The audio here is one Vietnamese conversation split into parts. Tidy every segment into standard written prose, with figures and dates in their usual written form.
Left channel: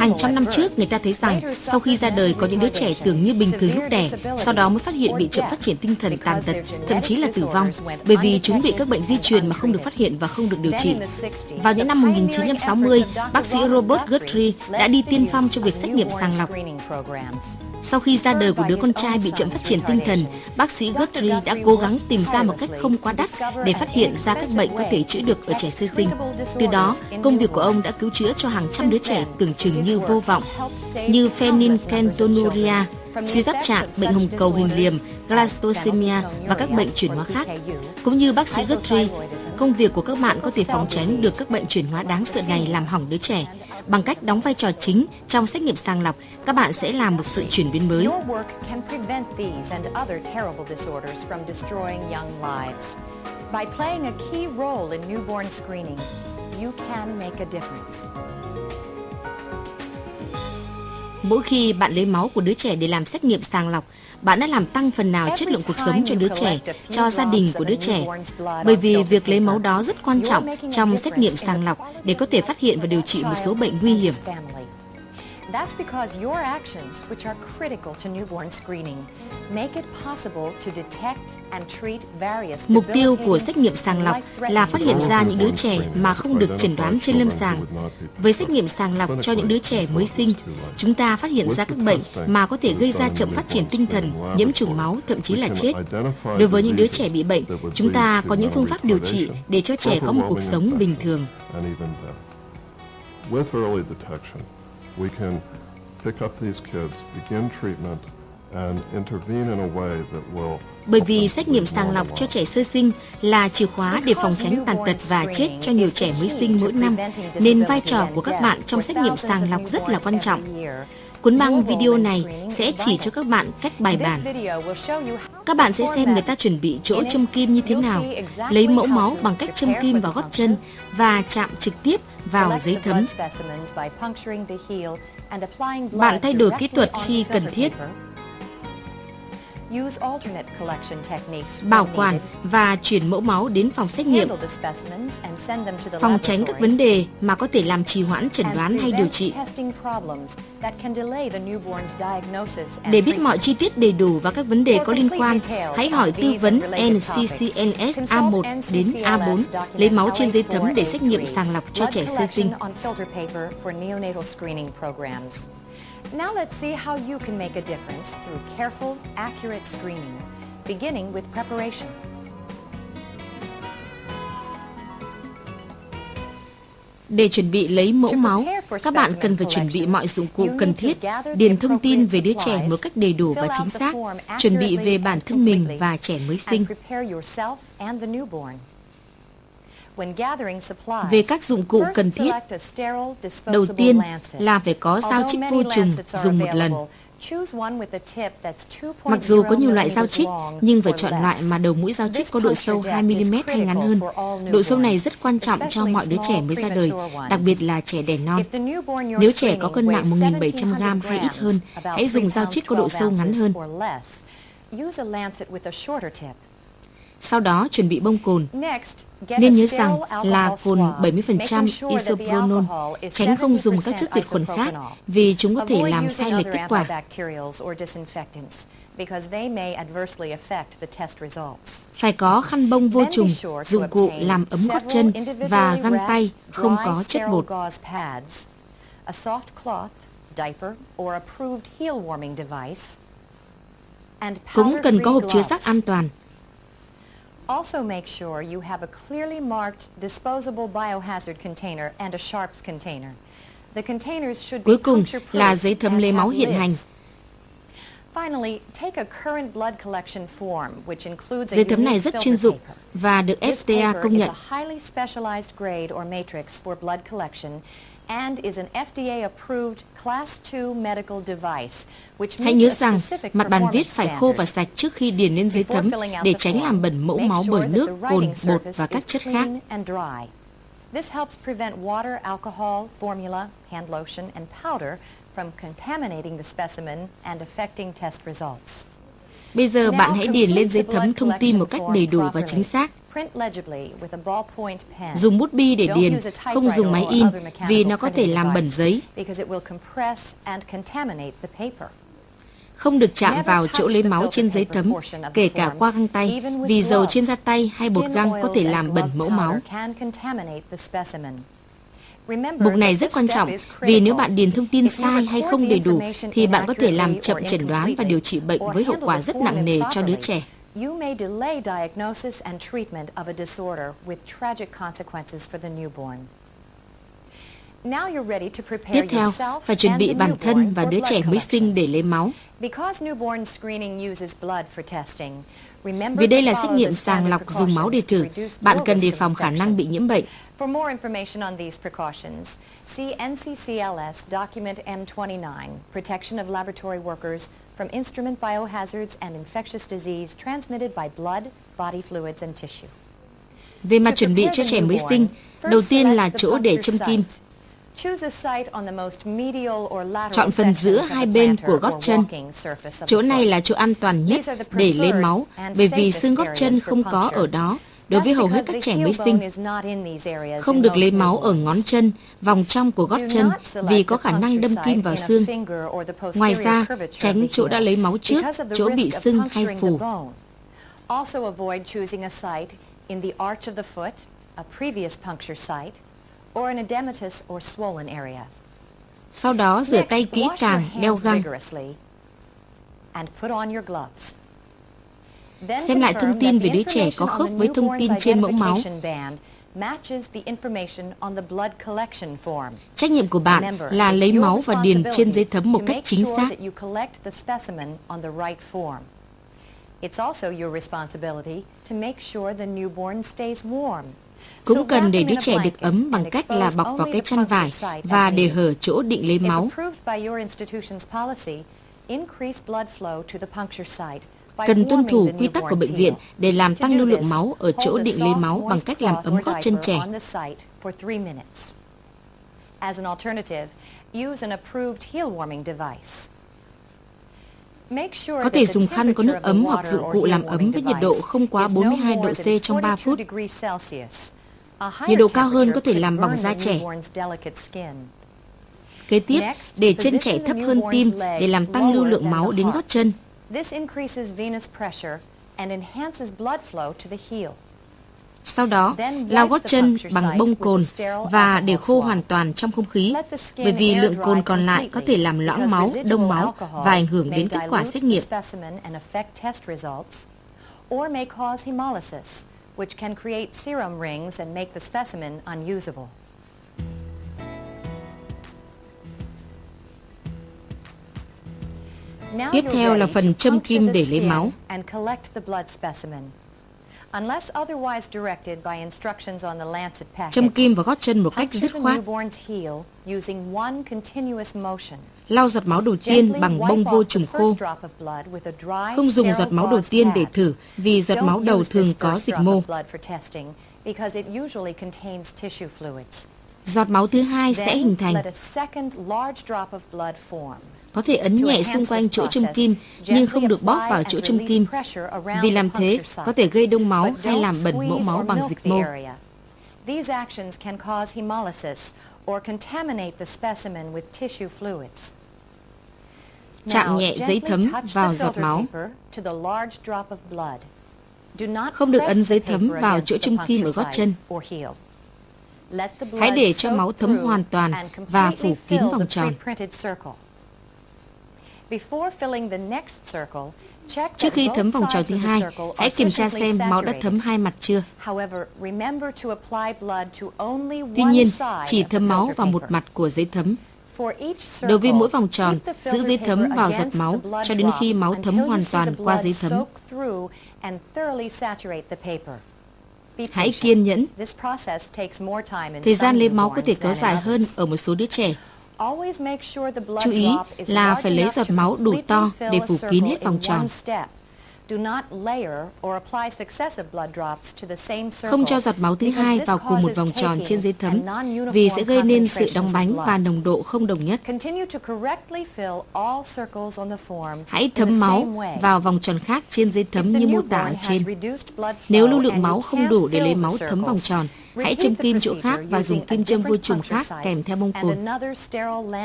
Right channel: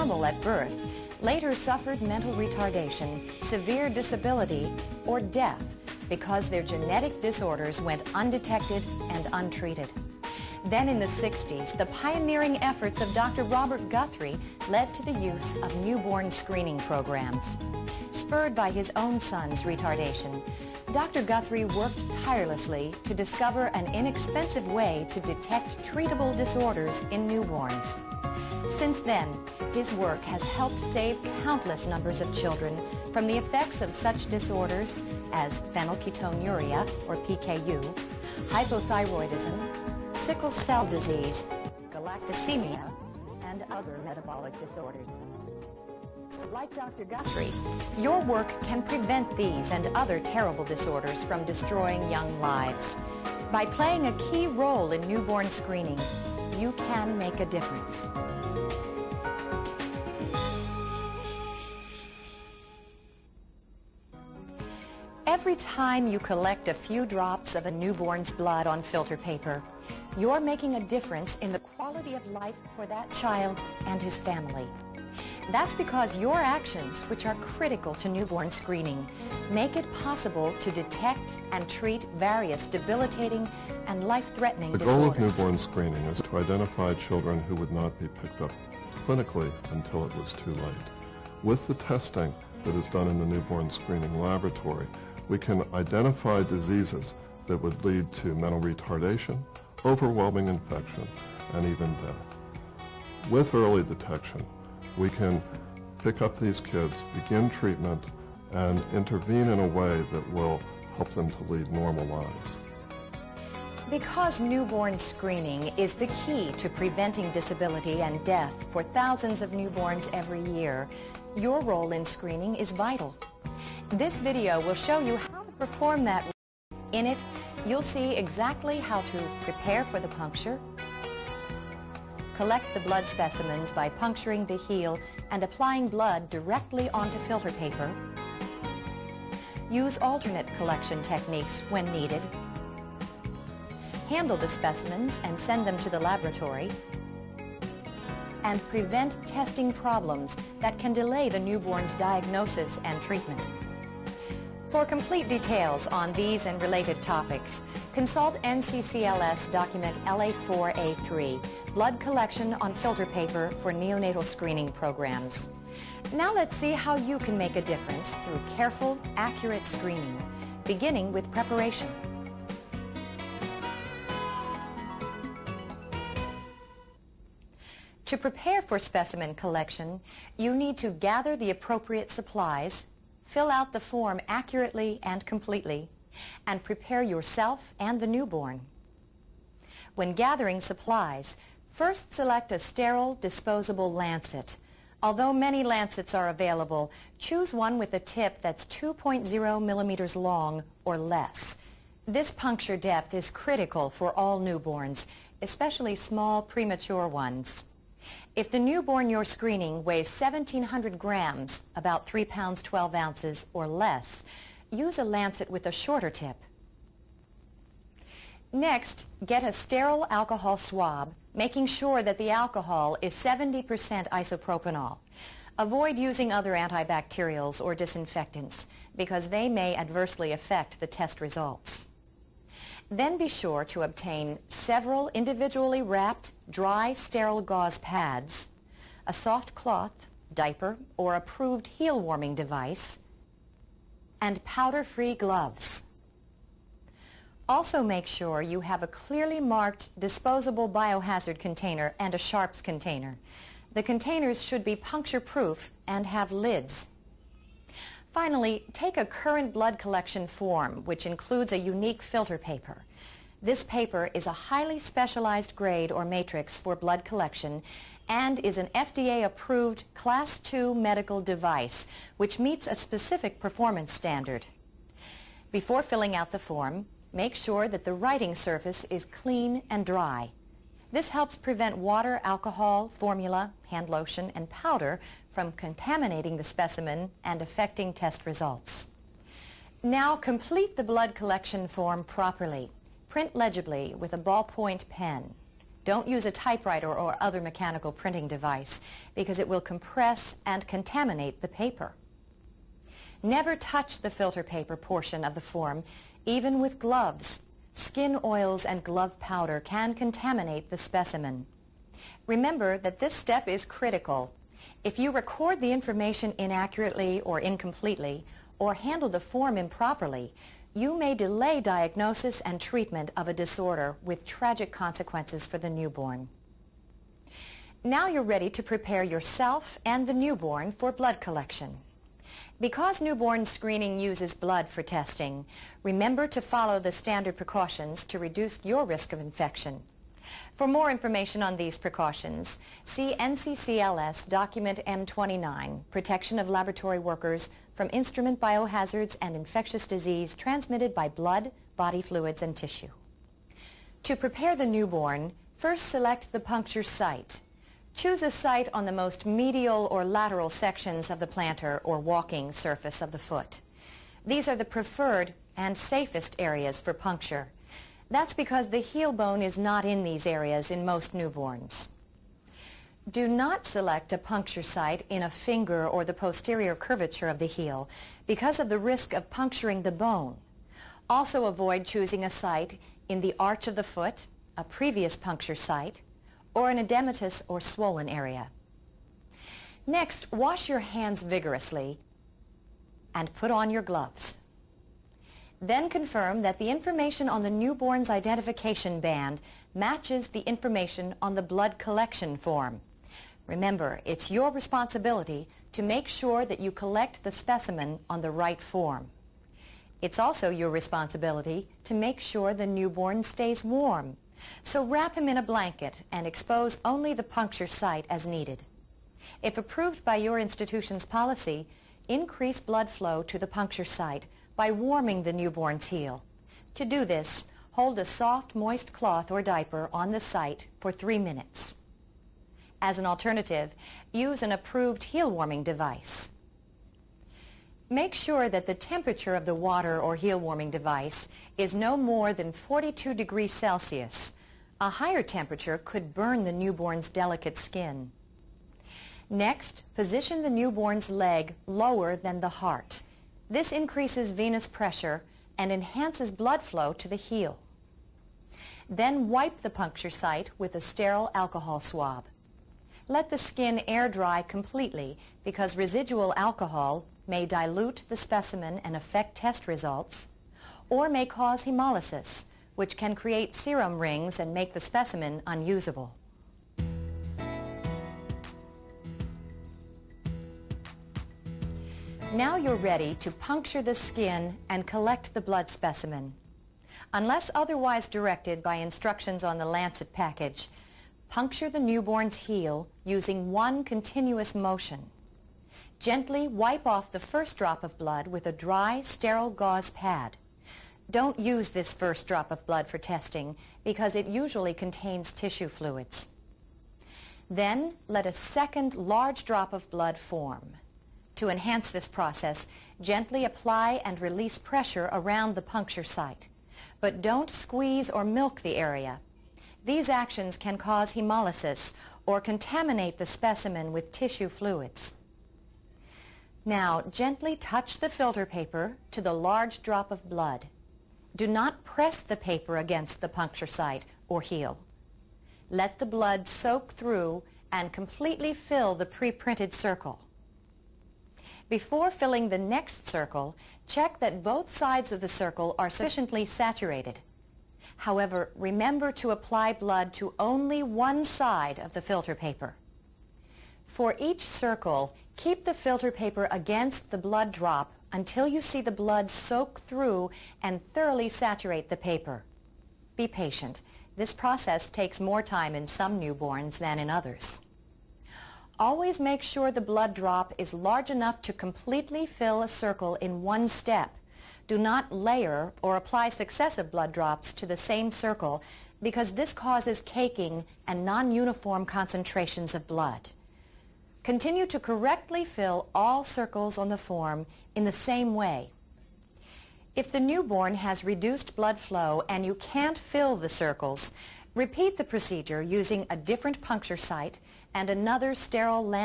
Hàng trăm năm trước, người ta thấy rằng sau khi ra đời có những đứa trẻ tưởng như bình thường lúc đẻ, sau đó mới phát hiện bị chậm phát triển tinh thần, tàn tật, thậm chí là tử vong, bởi vì chúng bị các bệnh di truyền mà không được phát hiện và không được điều trị. Vào những năm 1960, bác sĩ Robert Guthrie đã đi tiên phong trong việc xét nghiệm sàng lọc. Sau khi ra đời của đứa con trai bị chậm phát triển tinh thần, bác sĩ Guthrie đã cố gắng tìm ra một cách không quá đắt để phát hiện ra các bệnh có thể chữa được ở trẻ sơ sinh. Từ đó, công việc của ông đã cứu chữa cho hàng trăm đứa trẻ tưởng chừng như vô vọng, như phenylketonuria, suy giáp trạng, bệnh hồng cầu hình liềm, galactosemia và các bệnh chuyển hóa khác. Cũng như bác sĩ Guthrie, công việc của các bạn có thể phòng tránh được các bệnh chuyển hóa đáng sợ này làm hỏng đứa trẻ. Bằng cách đóng vai trò chính trong xét nghiệm sàng lọc, các bạn sẽ làm một sự chuyển biến mới. By playing a key role in newborn screening, you can make a difference. Mỗi khi bạn lấy máu của đứa trẻ để làm xét nghiệm sàng lọc, bạn đã làm tăng phần nào chất lượng cuộc sống cho đứa trẻ, cho gia đình của đứa trẻ. Bởi vì việc lấy máu đó rất quan trọng trong xét nghiệm sàng lọc để có thể phát hiện và điều trị một số bệnh nguy hiểm. That's because your actions, which are critical to newborn screening, make it possible to detect and treat various Mục tiêu của xét nghiệm sàng lọc là phát hiện ra những đứa trẻ mà không được chẩn đoán trên lâm sàng. Với xét nghiệm sàng lọc cho những đứa trẻ mới sinh, chúng ta phát hiện ra các bệnh mà có thể gây ra chậm phát triển tinh thần, nhiễm trùng máu, thậm chí là chết. Đối với những đứa trẻ bị bệnh, chúng ta có những phương pháp điều trị để cho trẻ có một cuộc sống bình thường. We can pick up these kids, begin treatment, and intervene in a way that will. Bởi vì xét nghiệm sàng lọc cho trẻ sơ sinh là chìa khóa để phòng tránh tàn tật và chết cho nhiều trẻ mới sinh mỗi năm, nên vai trò của các bạn trong xét nghiệm sàng lọc rất là quan trọng. Cuốn băng video này sẽ chỉ cho các bạn cách bài bản. Các bạn sẽ xem người ta chuẩn bị chỗ châm kim như thế nào, lấy mẫu máu bằng cách châm kim vào gót chân và chạm trực tiếp vào giấy thấm. Bạn thay đổi kỹ thuật khi cần thiết. Bảo quản và chuyển mẫu máu đến phòng xét nghiệm, phòng tránh các vấn đề mà có thể làm trì hoãn chẩn đoán hay điều trị. Để biết mọi chi tiết đầy đủ và các vấn đề có liên quan, hãy hỏi tư vấn NCCNS A1 đến A4, lấy máu trên giấy tấm để xét nghiệm sàng lọc cho trẻ sơ sinh. Now let's see how you can make a difference through careful, accurate screening, beginning with preparation. Để chuẩn bị lấy mẫu máu, các bạn cần phải chuẩn bị mọi dụng cụ cần thiết, điền thông tin về đứa trẻ một cách đầy đủ và chính xác, chuẩn bị về bản thân mình và trẻ mới sinh. Về các dụng cụ cần thiết, đầu tiên là phải có dao chích vô trùng dùng một lần. Mặc dù có nhiều loại dao chích, nhưng phải chọn loại mà đầu mũi dao chích có độ sâu 2 mm hay ngắn hơn. Độ sâu này rất quan trọng cho mọi đứa trẻ mới ra đời, đặc biệt là trẻ đẻ non. Nếu trẻ có cân nặng 1.700 g hay ít hơn, hãy dùng dao chích có độ sâu ngắn hơn. Sau đó chuẩn bị bông cồn. Nên nhớ rằng là cồn 70% isopropanol, tránh không dùng các chất diệt khuẩn khác vì chúng có thể làm sai lệch kết quả. Phải có khăn bông vô trùng, dụng cụ làm ấm gót chân và găng tay không có chất bột. Cũng cần có hộp chứa rác an toàn. Also make sure you have a clearly marked disposable biohazard container and a sharps container. The containers should be puncture-proof là giấy thấm lấy máu hiện hành. Finally, take a current blood collection form, which includes a giấy thấm này unique rất chuyên filter dụng paper. và được This FDA paper công is nhận. a highly specialized grade or matrix for blood collection and is an FDA-approved Class 2 medical device, which Hãy nhớ meets a rằng specific mặt bàn viết performance phải khô và standard. sạch trước khi điền lên giấy thấm để tránh làm bẩn mẫu máu bởi nước, cồn, bột và các chất khác. This helps prevent water, alcohol, formula, hand lotion, and powder from contaminating the specimen and affecting test results. Bây giờ bạn hãy điền lên giấy thấm thông tin một cách đầy đủ và chính xác. Print legibly with a ballpoint pen. Dùng bút bi để Don't điền, use a không dùng typewriter máy or in other vì mechanical nó có thể printing làm bẩn device giấy. because it will compress and contaminate the paper. Không được chạm Never vào chỗ touch lấy the máu filter trên giấy paper thấm, portion of the kể cả form. qua găng tay, Even with vì dầu gloves, trên da tay hay bột skin găng có oils thể and làm glove bẩn mẫu máu. powder can contaminate the specimen. Mục này rất quan trọng vì nếu bạn điền thông tin sai hay không đầy đủ thì bạn có thể làm chậm chẩn đoán và điều trị bệnh với hậu quả rất nặng nề cho đứa trẻ. You may delay diagnosis and treatment of a disorder with tragic consequences for the newborn. Now you're ready to prepare Tiếp theo, yourself phải chuẩn and bị the bản thân newborn và for đứa blood trẻ mới sinh collection. để lấy máu. Because newborn screening uses blood for testing, remember Vì đây to là xét follow the nghiệm sàng standard lọc dùng máu để precautions to thử, reduce bạn your cần đề risk of phòng khả năng infection. bị nhiễm bệnh. For more information on these precautions, see NCCLS Document M29, Protection of Laboratory Workers from Instrument Biohazards and Infectious Disease Transmitted by Blood, Body Fluids and Tissue. Về mặt chuẩn bị cho trẻ mới sinh, đầu tiên là chỗ để châm kim. Choose a site on the most medial or lateral Chọn phần giữa sections of hai the bên plantar của or gót chân. walking surface of Chỗ the này foot. là chỗ an toàn nhất These are the để lấy preferred máu, and bởi vì safest xương gót chân areas không for có puncture. ở đó. Đối với That's hầu hết because các the trẻ heel mới bone sinh, is not in these areas không in được most lấy máu ở newborns. ngón chân, vòng trong của gót Do chân not vì select có a khả năng puncture đâm kim site vào in a xương. finger or the Ngoài posterior ra, curvature of tránh the chỗ đã heel lấy máu trước, because of the chỗ bị risk of sưng hay puncturing the phù. bone. Also avoid choosing a site in the arch of the foot, a previous puncture site, or an edematous or swollen area. Sau đó rửa tay Next, kỹ wash your càng, đeo hands găng. vigorously and put on your gloves. Then Xem lại thông confirm tin that về the đứa trẻ có information on khớp the với thông newborn's tin trên mẫu máu. identification band matches the information on the blood collection form. Trách nhiệm của bạn Remember, là it's lấy your máu và điền trên giấy responsibility thấm một to cách make chính sure xác. that you collect the specimen on the right form. It's also your responsibility to make sure the newborn stays warm. So Cũng cần wrap để them đứa in a trẻ được blanket ấm bằng and cách là expose bọc vào only cái the chăn puncture vải site và as để needed. hở chỗ định lấy If máu. approved by your institution's policy, increase blood flow to the puncture site by Cần tuân warming thủ the quy tắc của newborn's bệnh viện heel. để làm To tăng do lưu lượng this, máu ở chỗ hold a định lấy soft, máu bằng moist cách làm cloth ấm or gót chân diaper trẻ. on the site for 3 minutes. As an alternative, use an approved heel warming device. Make sure Có that thể the dùng khăn có temperature nước of the ấm hoặc water dụng or cụ heel làm ấm warming với nhiệt độ device không quá is no 42 độ more C than trong 3 42 phút. degrees Celsius. A Nhiệt higher độ cao hơn temperature có thể could làm bỏng burn da the trẻ. newborn's delicate skin. Kế tiếp, Next, để chân trẻ position the thấp hơn newborn's tim leg để làm tăng lưu lower lượng than máu the đến gót heart. chân. This increases venous pressure and enhances blood flow to the heel. Sau đó, Then lau wipe gót the chân puncture bằng site bông with cồn a sterile và để alcohol khô swab. hoàn toàn trong không khí, Let the bởi skin vì air lượng cồn dry còn lại có thể làm completely loãng because máu, residual đông máu alcohol và ảnh hưởng may đến kết quả dilute xét the nghiệm. specimen and affect test results, or may cause hemolysis, which can create serum rings and make the specimen unusable. Now Tiếp you're theo là ready phần to châm puncture kim the để lấy máu. skin and collect the blood specimen. Unless otherwise directed by instructions on the lancet package, Châm kim vào gót chân một cách puncture dứt the khoát. newborn's heel using one continuous motion. Lau giọt máu đầu tiên Gently bằng bông wipe vô off the trùng khô. first drop of blood with a dry, Không dùng giọt sterile máu đầu gauze tiên để pad. thử vì giọt máu Don't đầu use thường this có first dịch drop mô. of blood for testing because it usually contains tissue fluids. Giọt máu thứ hai sẽ hình Then thành. let a second large drop of blood form. Có thể ấn To nhẹ xung enhance quanh this chỗ châm process, kim nhưng gently không được bóp apply vào and chỗ châm release kim. pressure around Vì the làm thế puncture site. có thể gây đông máu But hay don't làm bẩn mẫu squeeze máu or bằng milk dịch the mô. area. These actions can cause hemolysis or contaminate the specimen with tissue fluids. Chạm Now, nhẹ giấy gently thấm touch vào the giọt filter máu. paper to the large drop of blood. Do not Không được ấn press the giấy thấm paper vào against chỗ the châm kim ở puncture gót site chân. or heel. Let the Hãy blood để cho máu soak thấm through hoàn toàn and và completely phủ kín fill vòng the tròn. pre-printed circle. Before filling the next circle, check Trước that khi thấm both vòng tròn sides thứ of the hai, circle hãy are kiểm tra sufficiently xem máu đã saturated. thấm hai mặt chưa. However, remember to apply blood to only Tuy one nhiên, side chỉ of the thấm máu filter vào một paper. mặt của giấy thấm. For each circle, Đối với mỗi vòng tròn, keep the giữ giấy filter thấm paper vào giọt against máu the blood cho đến drop khi máu thấm until you hoàn see the toàn qua blood giấy thấm. soak through and thoroughly saturate the paper. Be Hãy patient. kiên nhẫn. This process takes more time in Thời some gian lấy máu có thể newborns kéo than in dài hơn others. ở một số đứa trẻ. Always make sure the blood Chú ý drop is là large phải lấy enough giọt to máu đủ completely to để fill a phủ kín circle hết vòng in tròn. one step. Do not layer or apply successive blood drops to the same circle. Không cho giọt máu thứ hai vào cùng một vòng tròn trên giấy thấm vì sẽ gây nên sự đóng bánh và nồng độ không đồng nhất. Continue to correctly fill all circles on the form. Hãy thấm máu vào vòng tròn khác trên giấy thấm như mô tả ở trên. Nếu lưu lượng máu không đủ để lấy máu thấm vòng tròn, hãy châm kim chỗ khác và dùng kim châm vô trùng khác kèm theo bông cồn.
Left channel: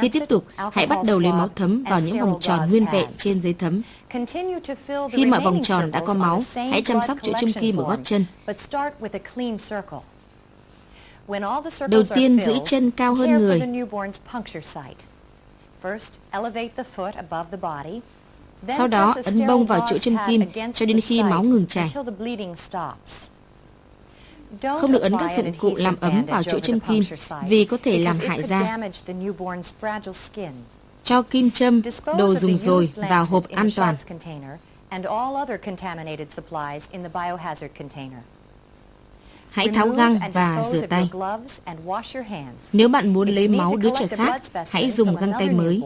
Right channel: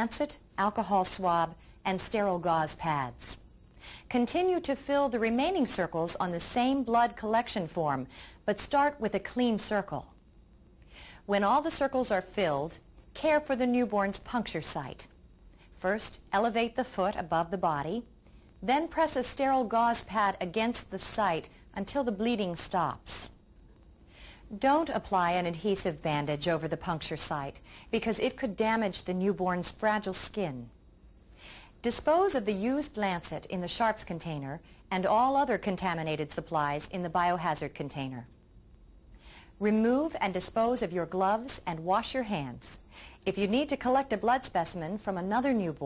Khi tiếp tục, hãy bắt đầu lấy máu thấm vào những vòng tròn nguyên vẹn trên giấy thấm. Khi mà vòng tròn đã có máu, hãy chăm sóc chỗ châm kim ở gót chân. Đầu tiên giữ chân cao hơn người. Sau đó ấn bông vào chỗ châm kim cho đến khi máu ngừng chảy. Không được ấn các dụng cụ làm ấm vào chỗ châm kim vì có thể làm hại da. Cho kim châm, đồ dùng rồi vào hộp an toàn. Hãy tháo găng và rửa tay. Nếu bạn muốn lấy máu đứa trẻ khác, hãy dùng găng tay mới.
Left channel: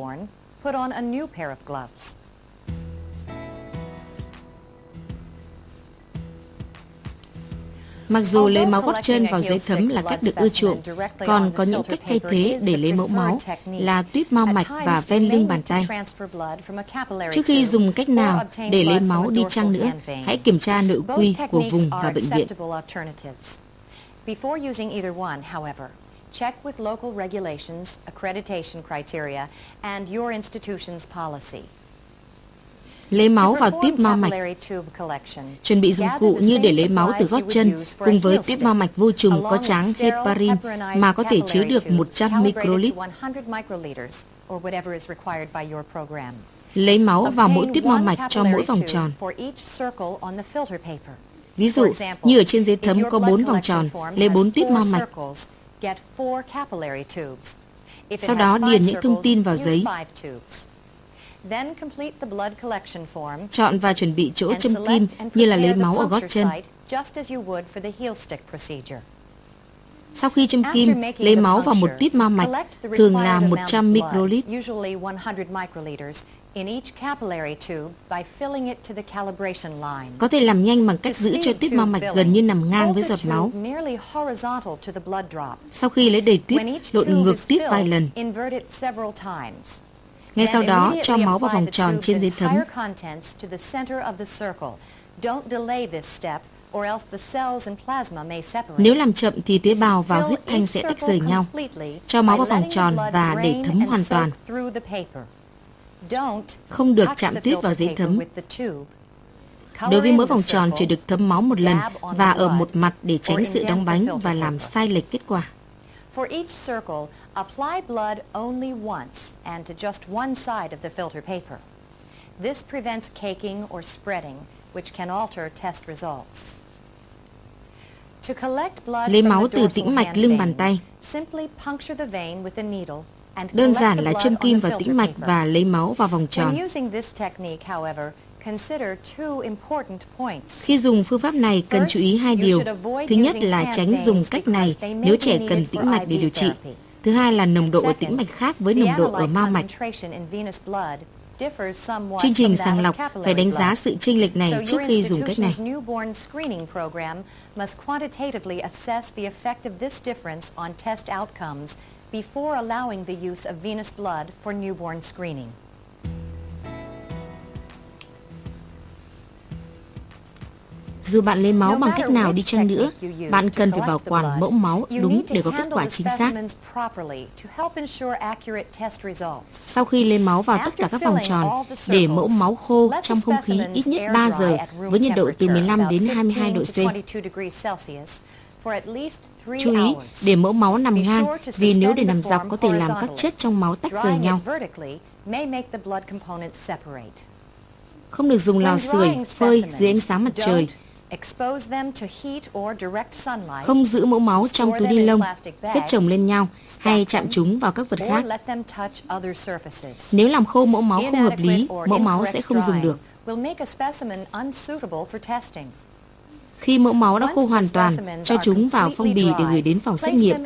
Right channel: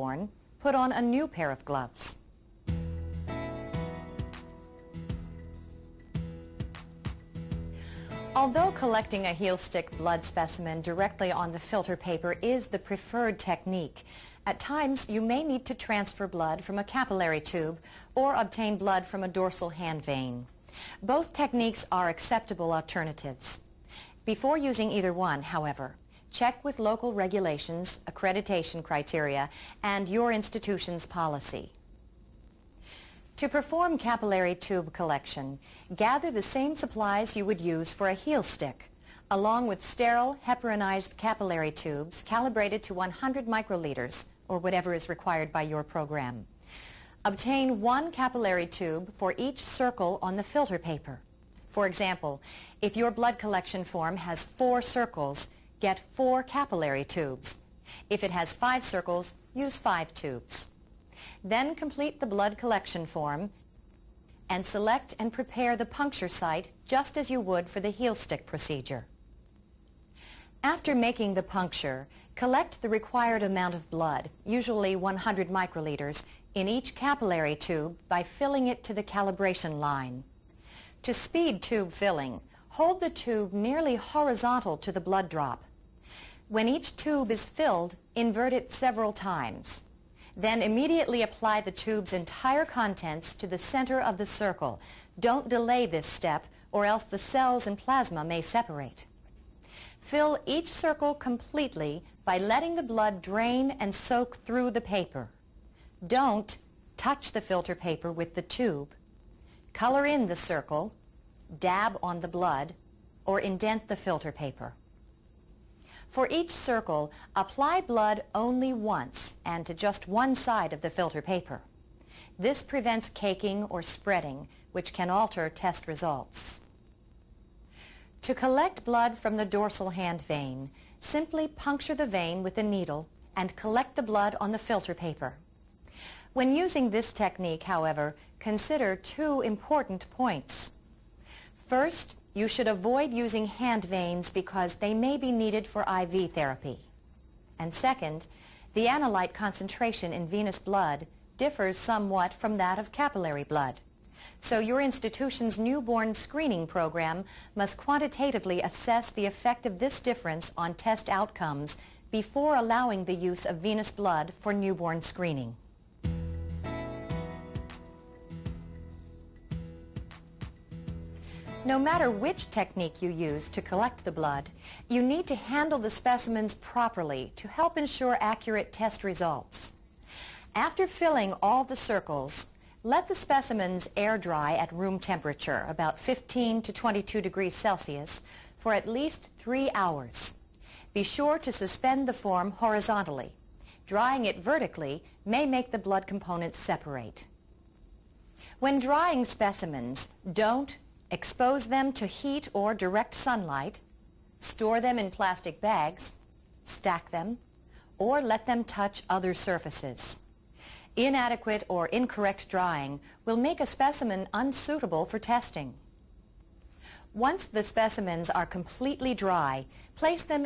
Mặc dù lấy máu gót chân vào giấy thấm là cách được ưa chuộng, còn có những cách thay thế để lấy mẫu máu là tuýp mao mạch và ven lưng bàn tay. Trước khi dùng cách nào để lấy máu đi chăng nữa, hãy kiểm tra nội quy của vùng và bệnh viện. Before using either one, however, check with local regulations, accreditation criteria, and your institution's policy. Lấy máu vào tuýp mao mạch. Chuẩn bị dụng cụ như để lấy máu từ gót chân cùng với tuýp mao mạch vô trùng có tráng heparin mà có thể chứa được 100 microlit. Lấy máu vào mỗi tuýp mao mạch cho mỗi vòng tròn. Ví dụ, như ở trên giấy thấm có 4 vòng tròn, lấy 4 tuýp mao mạch. Sau đó điền những thông tin vào giấy. Chọn và chuẩn bị chỗ châm kim như là lấy máu ở gót chân. Sau khi châm kim, lấy máu vào một tuýp mao mạch, thường là 100 microlit. Có thể làm nhanh bằng cách giữ cho tuýp mao mạch gần như nằm ngang với giọt máu. Sau khi lấy đầy tuýp, lộn ngược tuýp vài lần. Ngay sau đó, cho máu vào vòng tròn trên giấy thấm. Nếu làm chậm thì tế bào và huyết thanh sẽ tách rời nhau. Cho máu vào vòng tròn và để thấm hoàn toàn. Không được chạm tiếp vào giấy thấm. Đối với mỗi vòng tròn chỉ được thấm máu một lần và ở một mặt để tránh sự đóng bánh và làm sai lệch kết quả. For each circle, apply blood only once and to just one side of the filter paper. This prevents caking or spreading, which can alter test results. To collect blood from the dorsal hand vein, simply puncture the vein with a needle and đơn collect giản the là blood châm on kim the vào filter tĩnh mạch paper. và lấy máu vào vòng tròn. When using this technique, however, consider two important points. Khi dùng phương pháp này cần chú ý hai điều. Thứ nhất là tránh dùng cách này nếu trẻ cần tĩnh mạch để điều trị. Thứ hai là nồng độ ở tĩnh mạch khác với nồng độ ở mao mạch. Chương trình sàng lọc phải đánh giá sự chênh lệch này trước khi dùng cách này. Before allowing the use of venous blood for newborn screening. Dù bạn lấy máu bằng cách nào đi chăng nữa, bạn cần phải bảo quản mẫu máu đúng để có kết quả chính xác. Sau khi lấy máu vào tất cả các vòng tròn, để mẫu máu khô trong không khí ít nhất 3 giờ với nhiệt độ từ 15 đến 22 độ C. Chú ý, để mẫu máu nằm ngang, vì nếu để nằm dọc có thể làm các chất trong máu tách rời nhau. Không được dùng lò sưởi, phơi dưới ánh sáng mặt trời. Không giữ mẫu máu trong túi ni lông, xếp chồng lên nhau hay chạm chúng vào các vật khác. Nếu làm khô mẫu máu không hợp lý, mẫu máu sẽ không dùng được. Khi mẫu máu đã khô hoàn toàn, cho chúng vào phong bì để gửi đến phòng xét nghiệm.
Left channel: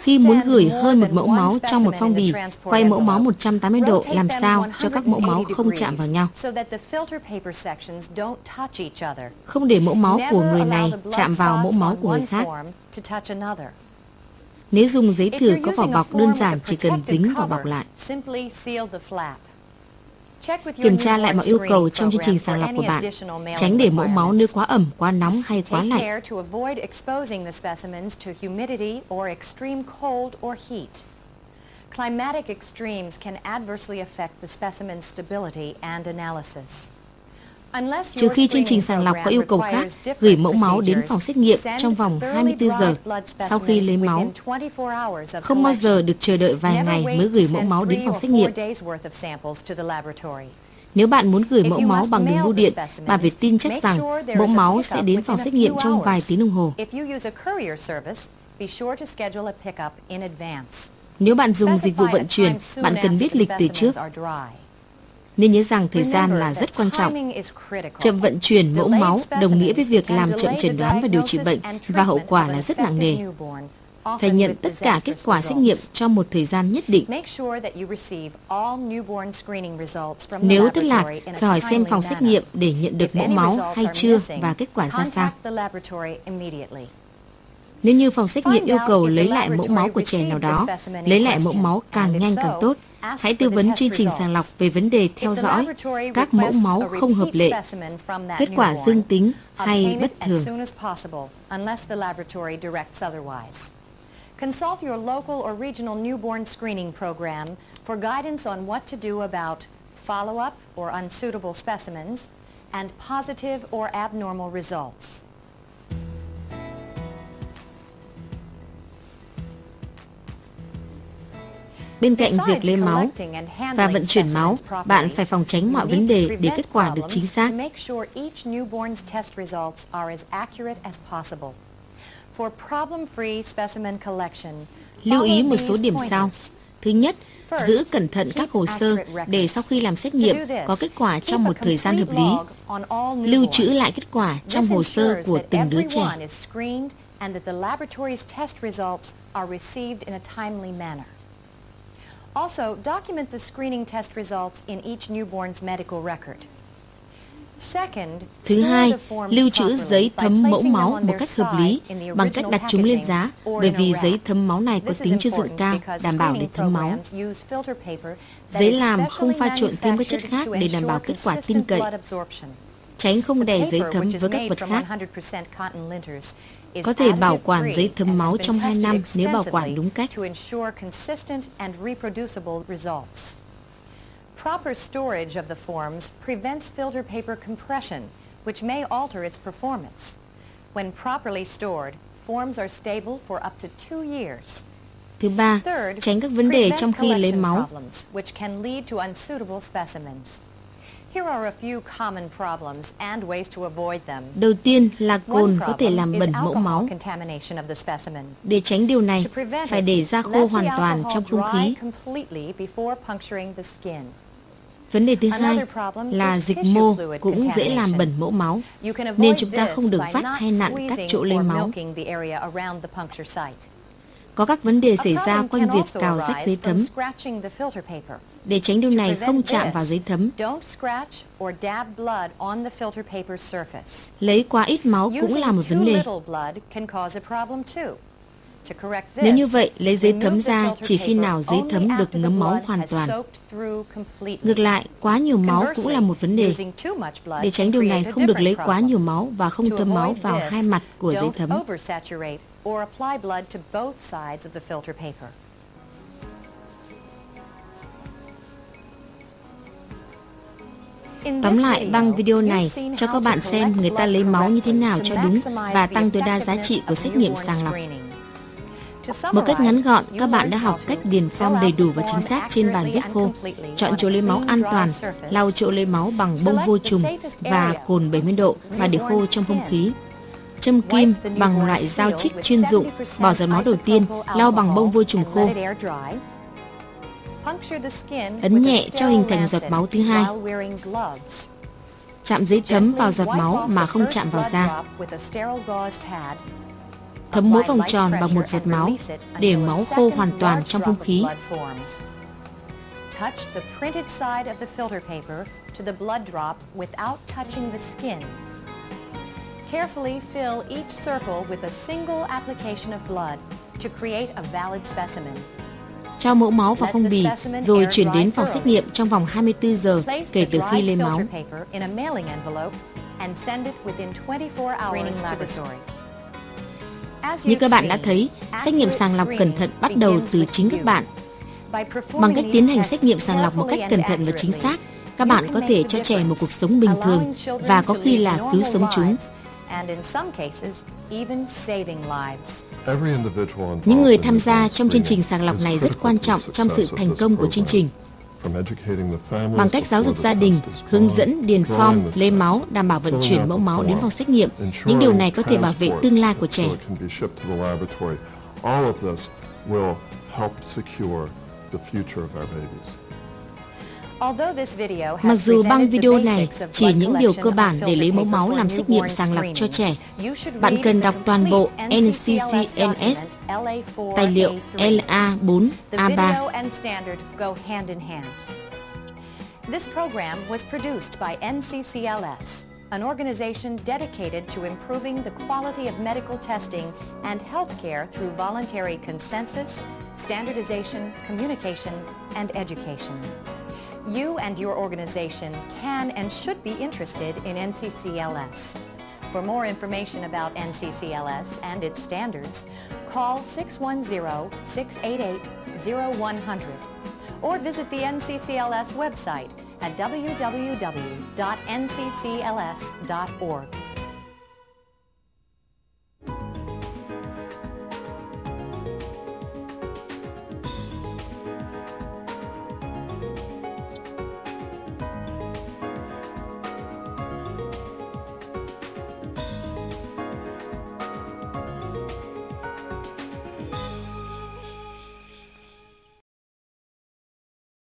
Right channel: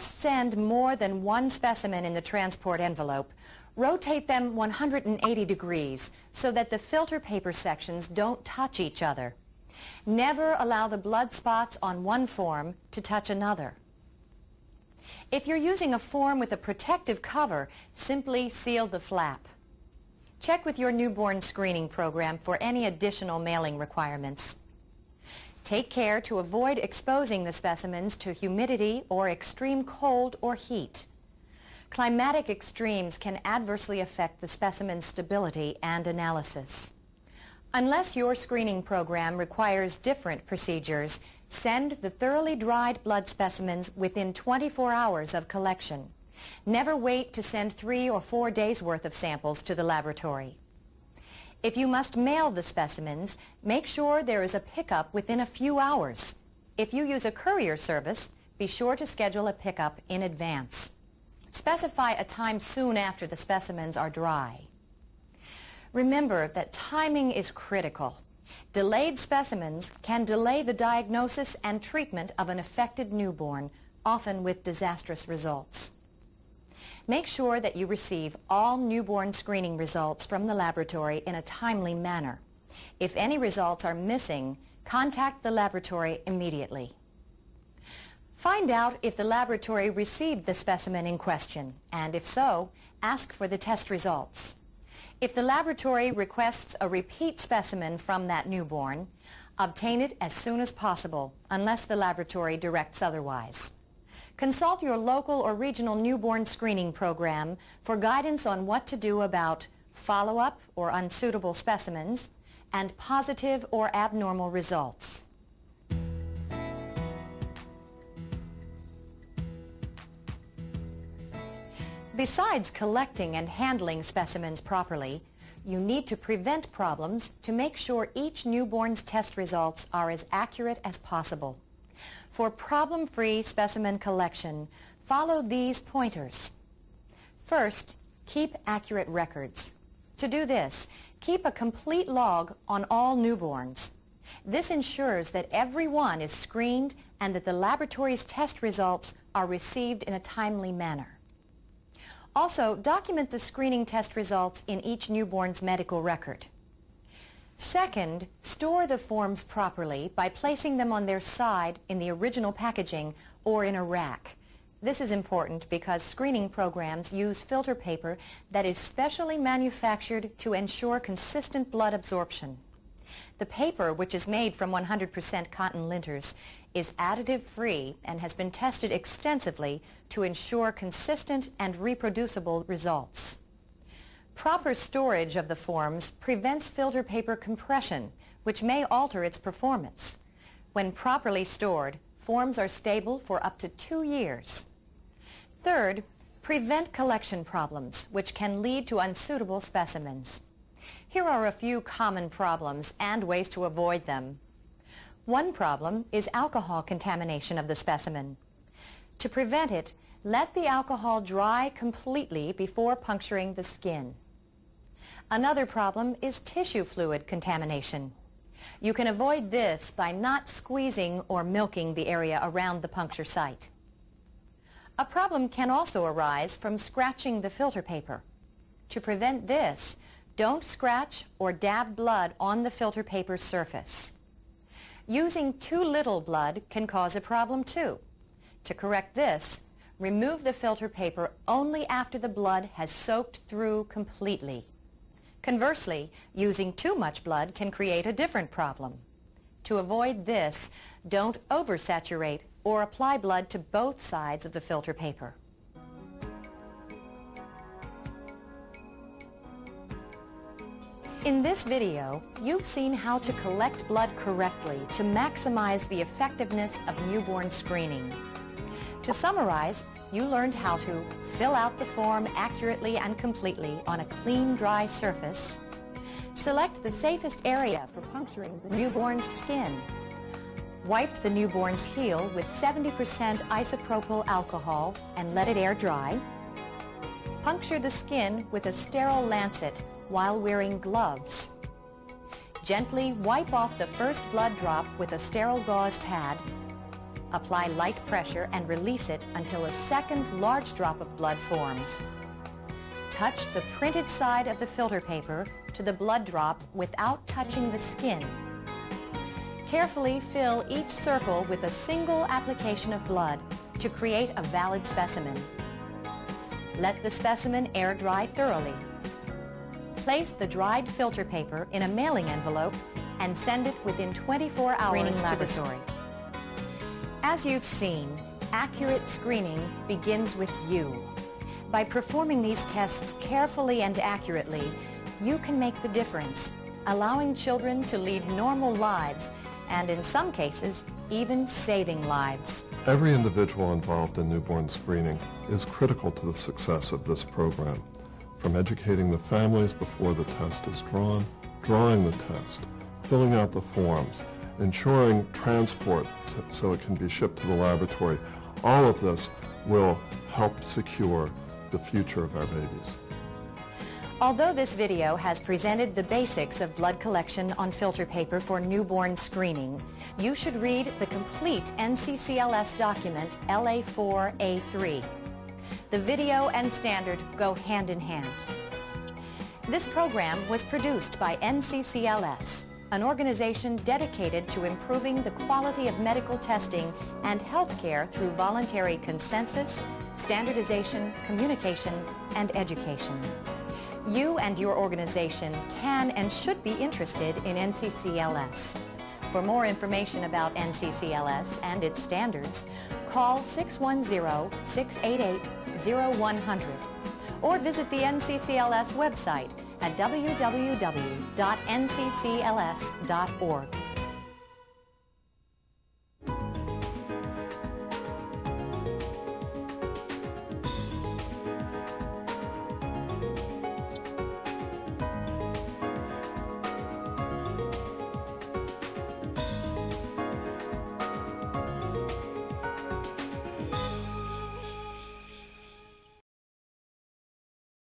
Khi muốn gửi hơn một mẫu máu trong một phong bì, quay mẫu máu 180 độ làm sao cho các mẫu máu không chạm vào nhau. Không để mẫu máu của người này chạm vào mẫu máu của người khác. Nếu dùng giấy thừa có vỏ bọc, đơn giản chỉ cần dính vỏ bọc lại. Kiểm tra lại mọi yêu cầu trong chương trình sàng lọc của bạn. Tránh để mẫu máu nơi quá ẩm, quá nóng hay quá lạnh. Climatic extremes can adversely affect the specimen's stability and analysis. Trừ khi chương trình sàng lọc có yêu cầu khác, gửi mẫu máu đến phòng xét nghiệm trong vòng 24 giờ sau khi lấy máu. Không bao giờ được chờ đợi vài ngày mới gửi mẫu máu đến phòng xét nghiệm. Nếu bạn muốn gửi mẫu máu bằng đường bưu điện, bạn phải tin chắc rằng mẫu máu sẽ đến phòng xét nghiệm trong vài tiếng đồng hồ. Nếu bạn dùng dịch vụ vận chuyển, bạn cần biết lịch từ trước. Nên nhớ rằng thời gian là rất quan trọng. Chậm vận chuyển mẫu máu đồng nghĩa với việc làm chậm chẩn đoán và điều trị bệnh, và hậu quả là rất nặng nề. Phải nhận tất cả kết quả xét nghiệm trong một thời gian nhất định. Nếu thất lạc, phải hỏi xem phòng xét nghiệm để nhận được mẫu máu hay chưa và kết quả ra sao. Nếu như phòng xét nghiệm yêu cầu lấy lại mẫu máu của trẻ nào đó, lấy lại mẫu máu càng nhanh càng tốt. Hãy tư vấn chương trình sàng lọc về vấn đề theo dõi các mẫu máu không hợp lệ, kết quả dương tính hay bất thường. Consult your local or regional newborn screening program for guidance on what to do about follow-up or unsuitable specimens and positive or abnormal results. Bên cạnh việc lấy máu và vận chuyển máu, bạn phải phòng tránh mọi vấn đề để kết quả được chính xác. Lưu ý một số điểm sau. Thứ nhất, giữ cẩn thận các hồ sơ để sau khi làm xét nghiệm có kết quả trong một thời gian hợp lý. Lưu trữ lại kết quả trong hồ sơ của từng đứa trẻ. Also, document the screening test results in each newborn's medical record. Second, thứ hai, lưu trữ giấy thấm mẫu máu một cách hợp lý bằng cách đặt chúng lên giá, bởi vì giấy thấm máu này có tính chất lượng cao, đảm bảo để thấm máu. Giấy làm không pha trộn thêm các chất khác để đảm bảo kết quả tin cậy. Tránh không đè giấy thấm với các vật khác. Có thể bảo quản giấy thấm máu trong 2 năm nếu bảo quản đúng cách. Proper storage of the forms prevents filter paper compression, which may alter its performance. When properly stored, forms are stable for up to 2 years. Thứ ba, tránh các vấn đề trong khi lấy máu. Which can lead to unsuitable specimens. Here are a few common problems and ways to avoid them. Đầu tiên là cồn có thể làm bẩn mẫu máu. Để tránh điều này, phải để ra khô hoàn toàn trong không khí. Vấn đề thứ hai là dịch mô cũng dễ làm bẩn mẫu máu, nên chúng ta không được vắt hay nặn các chỗ lấy máu. Có các vấn đề xảy ra quanh việc cào rách giấy thấm. Để tránh điều này không chạm vào giấy thấm. Lấy quá ít máu cũng là một vấn đề. Nếu như vậy, lấy giấy thấm ra chỉ khi nào giấy thấm được ngấm máu hoàn toàn. Ngược lại, quá nhiều máu cũng là một vấn đề. Để tránh điều này, không được lấy quá nhiều máu và không thấm máu vào hai mặt của giấy thấm. Tóm lại, băng video này cho các bạn xem người ta lấy máu như thế nào cho đúng và tăng tối đa giá trị của xét nghiệm sàng lọc. Một cách ngắn gọn, các bạn đã học cách điền form đầy đủ và chính xác trên bàn viết khô, chọn chỗ lấy máu an toàn, lau chỗ lấy máu bằng bông vô trùng và cồn 70 độ và để khô trong không khí. Châm kim bằng loại dao trích chuyên dụng, bỏ giọt máu đầu tiên, lau bằng bông vô trùng khô. Ấn nhẹ cho hình thành giọt máu thứ hai. Chạm giấy thấm vào giọt máu mà không chạm vào da. thấm mỗi vòng tròn bằng một giọt máu để máu khô hoàn toàn trong không khí. Touch the printed side of the filter paper to the blood drop without touching the skin. Carefully fill each circle with a single application of blood to create a valid specimen. Cho mẫu máu vào phong bì rồi chuyển đến phòng xét nghiệm trong vòng 24 giờ kể từ khi lấy máu. Như các bạn đã thấy, xét nghiệm sàng lọc cẩn thận bắt đầu từ chính các bạn. Bằng cách tiến hành xét nghiệm sàng lọc một cách cẩn thận và chính xác, các bạn có thể cho trẻ một cuộc sống bình thường và có khi là cứu sống chúng. Những người tham gia trong chương trình sàng lọc này rất quan trọng trong sự thành công của chương trình. Bằng cách giáo dục gia đình, hướng dẫn, điền form, lấy máu, đảm bảo vận chuyển mẫu máu đến phòng xét nghiệm, những điều này có thể bảo vệ tương lai của trẻ. Mặc dù băng video này chỉ những điều cơ bản để lấy mẫu máu làm xét nghiệm sàng lọc cho trẻ, bạn cần đọc toàn bộ NCCLS, tài liệu LA4, A3. This program was produced by NCCLS, an organization dedicated to improving the quality of medical testing and healthcare through voluntary consensus, standardization, communication, and education. You and your organization can and should be interested in NCCLS. For more information about NCCLS and its standards, call 610-688-0100 or visit the NCCLS website at www.nccls.org.